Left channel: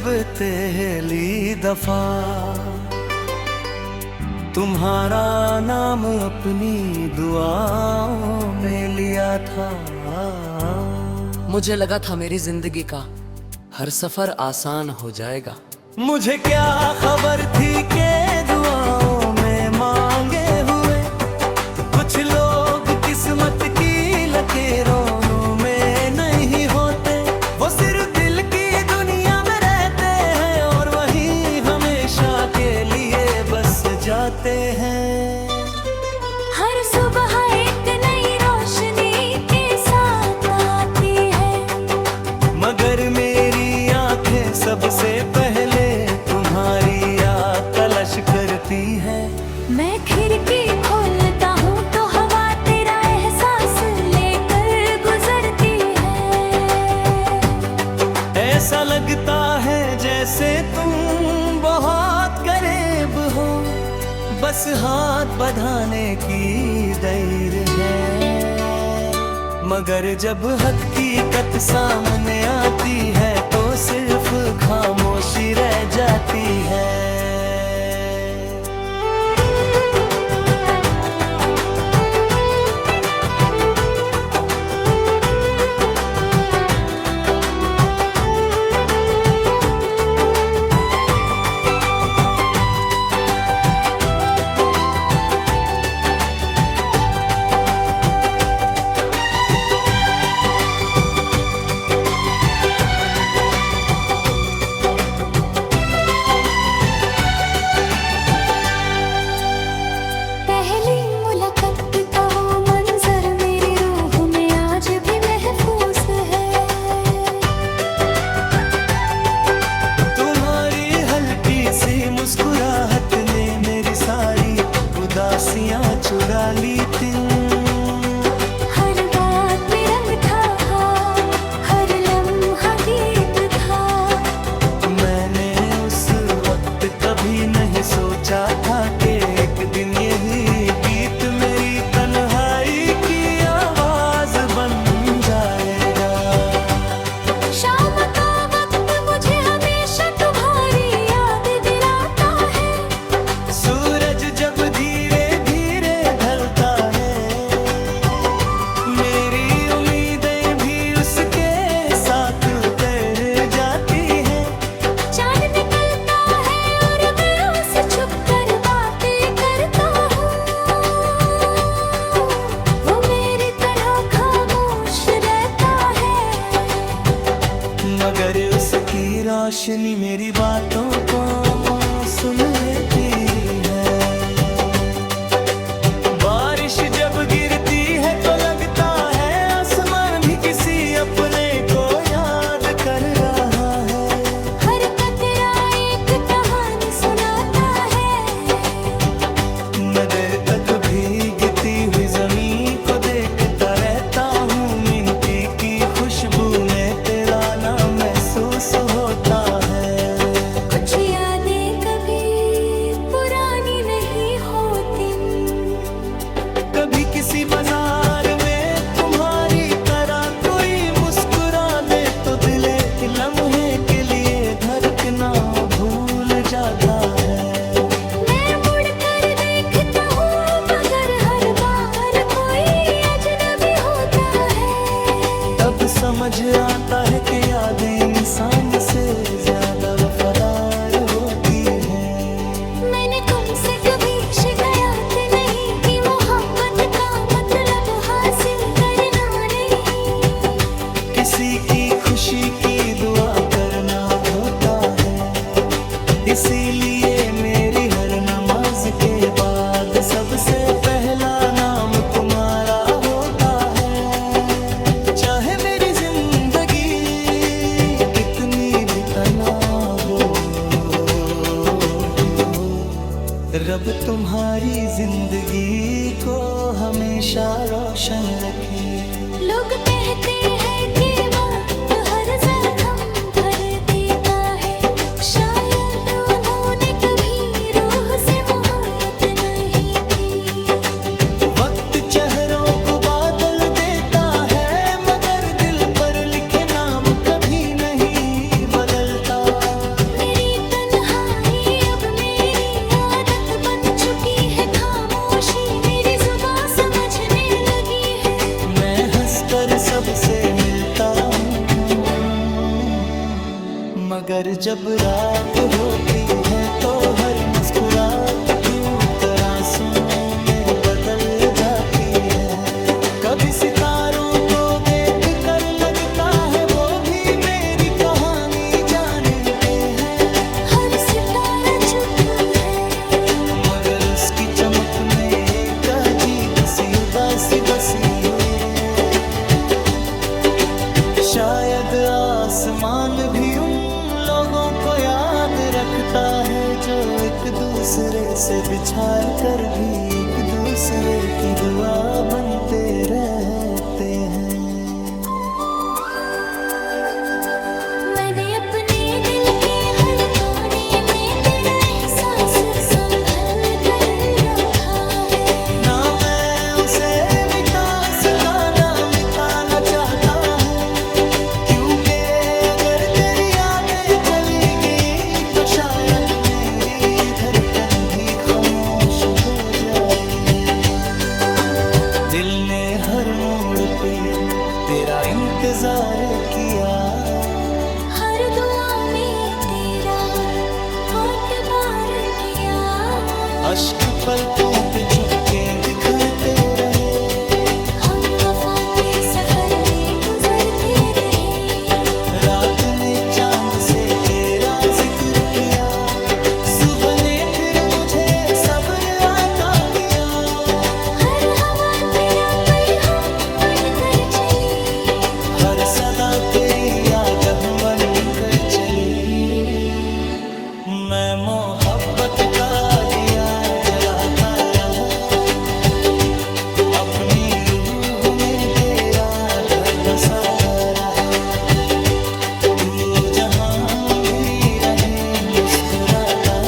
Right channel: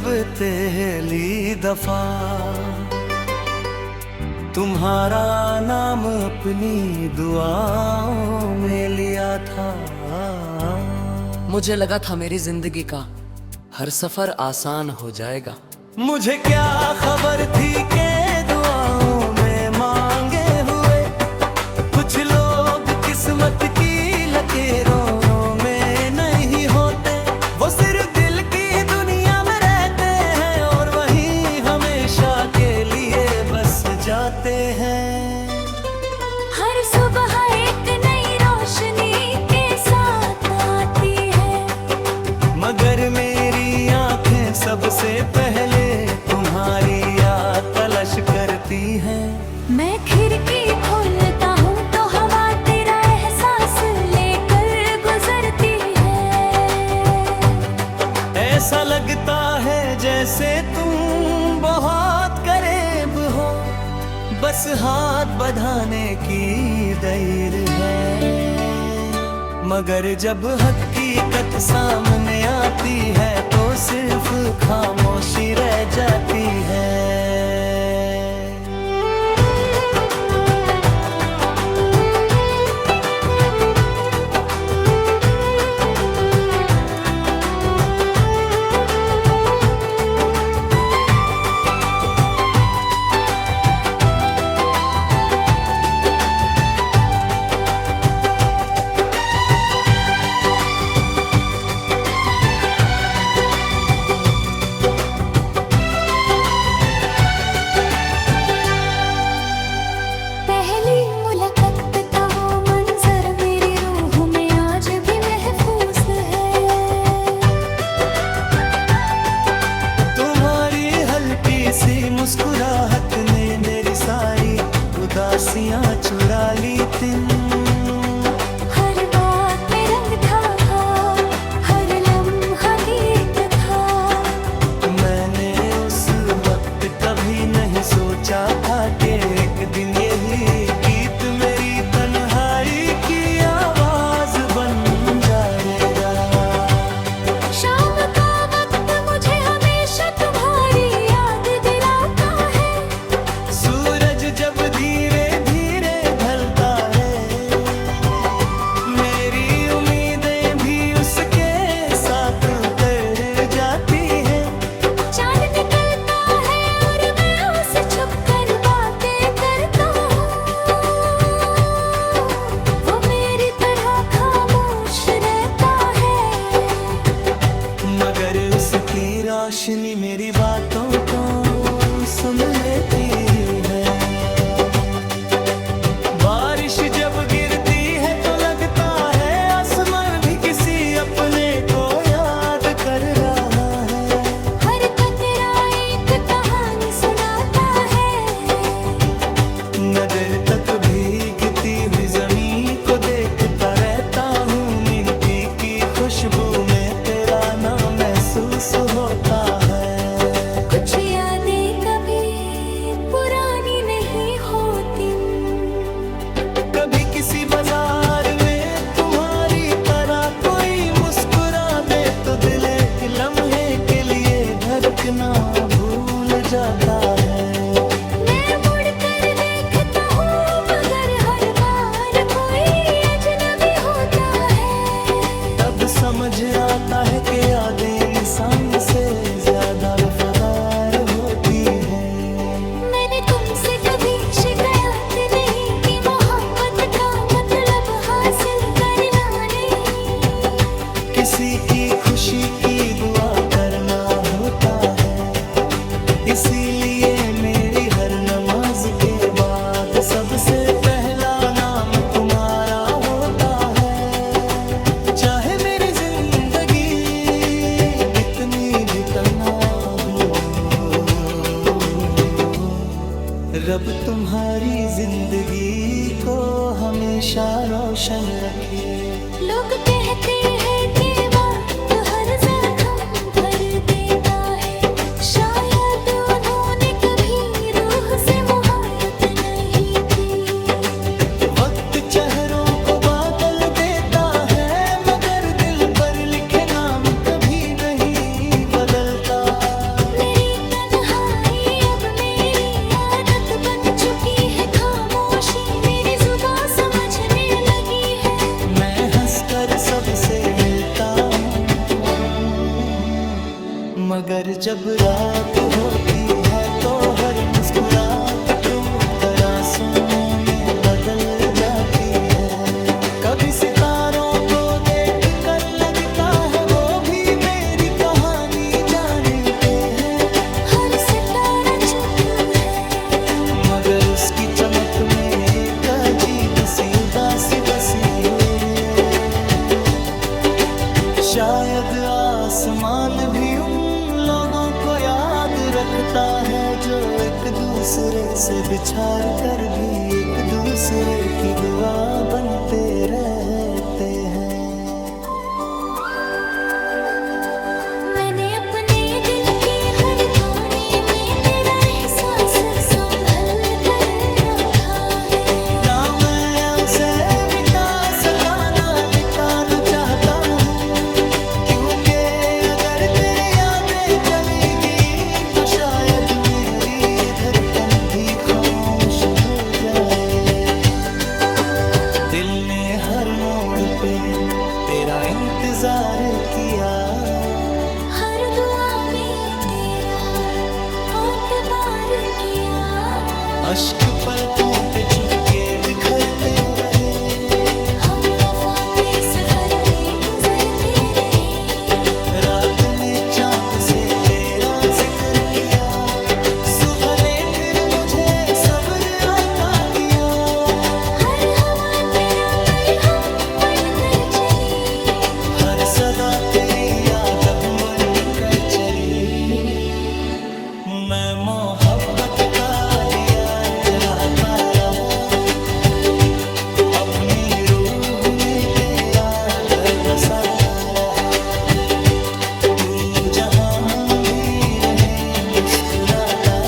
जब पहली दफा तुम्हारा नाम अपनी दुआओं में लिया था, मुझे लगा था मेरी जिंदगी का हर सफर आसान हो जाएगा। मुझे क्या खबर थी कि दुआओं में मांगे हुए कुछ लोग किस्मत की लकीरों में नहीं होते। वो सिर्फ दिल की दुनिया में रहते हैं और वहीं हमेशा के लिए बस जाते हैं। हर सुबह एक नई रोशनी के साथ आती है, मगर मेरी आंखें सबसे पहले तुम्हारी याद तलाश करती हैं। मैं खिड़की खोलता हूँ तो हवा तेरा एहसास लेकर गुजरती है। ऐसा लगता है जैसे तुम बहुत करीब हो, बस हाथ बढ़ाने की देर है। मगर जब हकीकत सामने आती है तो सिर्फ खामोशी रह जाती है। पहली मुलाकात का वो मंजर मेरी रूह में आज भी महफूज है। तुम्हारी हल्की सी मुस्कुराहट ने मेरी सारी उदासियां चुरा ली थी। हर बात में रंग था, हर लम्हा गीत था। मैंने उस वक्त कभी नहीं सोचा था कि एक दिन यही गीत मेरी तन्हाई की आवाज बन जाएगा। शाम का वक्त मुझे हमेशा तुम्हारी याद दिलाता है। सूरज जब धीरे धीरे ढलता है, मेरी उम्मीदें भी उसके साथ उतर जाती हैं। चांद निकलता है और मैं उसे छुप कर बातें करता हूँ। वो मेरी तरह खामोश रहता है, मगर उसकी रोशनी मेरी बातों को सुन लेती है। बारिश जब गिरती है तो लगता है आसमान भी किसी अपने को याद कर रहा है। हर कतरा एक कहानी सुनाता है। नजर तक भीगती हुई जमीन को देखता रहता हूँ। मिट्टी की खुशबू में तेरा नाम महसूस होता है। कुछ यादें कभी पुरानी नहीं होती। कभी किसी बाजार में तुम्हारी तरह कोई मुस्कुरा दे तो दिल एक लम्हे के लिए धड़कना भूल जाता है। मैं मुड़ कर देखता हूँ मगर हर बार कोई अजनबी होता है। तब समझ आता है कि यादें इंसान से ज्यादा वफादार होती हैं। मैंने तुमसे कभी शिकायत नहीं की, मोहब्बत का मतलब हासिल करना नहीं। किसी की खुशी की दुआ करना होता है, इसीलिए मेरी हर नमाज के बाद सबसे पहला नाम तुम्हारा होता है। चाहे मेरी जिंदगी कितनी भी तन्हा हो, रब तुम्हारी जिंदगी को हमेशा रोशन रखे। लोग कहते हैं कि वक्त हर जख्म भर देता है। शायद उन्होंने कभी रूह से मोहब्बत नहीं की। वक्त चेहरों को बादल देता है, मगर दिल पर लिखे नाम कभी नहीं बदलता। कर सबसे मिलता हूँ, मगर जब रात होती है तो हर मुस्कुराहट टूट कर आंसुओं में बदल जाती है। कभी सितारों को देख कर लगता है वो भी मेरी कहानी जानते हैं। हर सितारा चुप है, मगर उसकी चमक में एक अजीब सी उदासी बसी हुई है। शायद आसमान भी उन लोगों को याद रखता है जो एक दूसरे से बिछार कर भी एक दूसरे की दुआ बनते रहते हैं। मैंने अपने दिल के हर कोने में तेरा एहसास संभल कर रखा है। ना मैं उसे मिटा सका ना मिटाना चाहता हूँ, क्योंकि अगर तेरी यादें चली गई तो शायद मेरी धड़कन भी खामोश हो जाए। दिल ने हर मोड़ पे तेरा इंतजार किया, हर दुआ में तेरा बहुत बार किया। अश्क पलकों पे चुपके बिखरते रहे, हम वफा के सफर में गुजरते रहे। रात ने चांद से तेरा जिक्र किया, सुबह ने फिर मुझे सब्र आता किया। हर हवा तेरा पैगाम बनकर चली, हर सदा तेरी याद बन कर चली। मैं मोहब्बत का दिया जलाता रहा, अपनी रूह में तेरा घर बसाता रहा। तू जहां भी रहे मुस्कुराता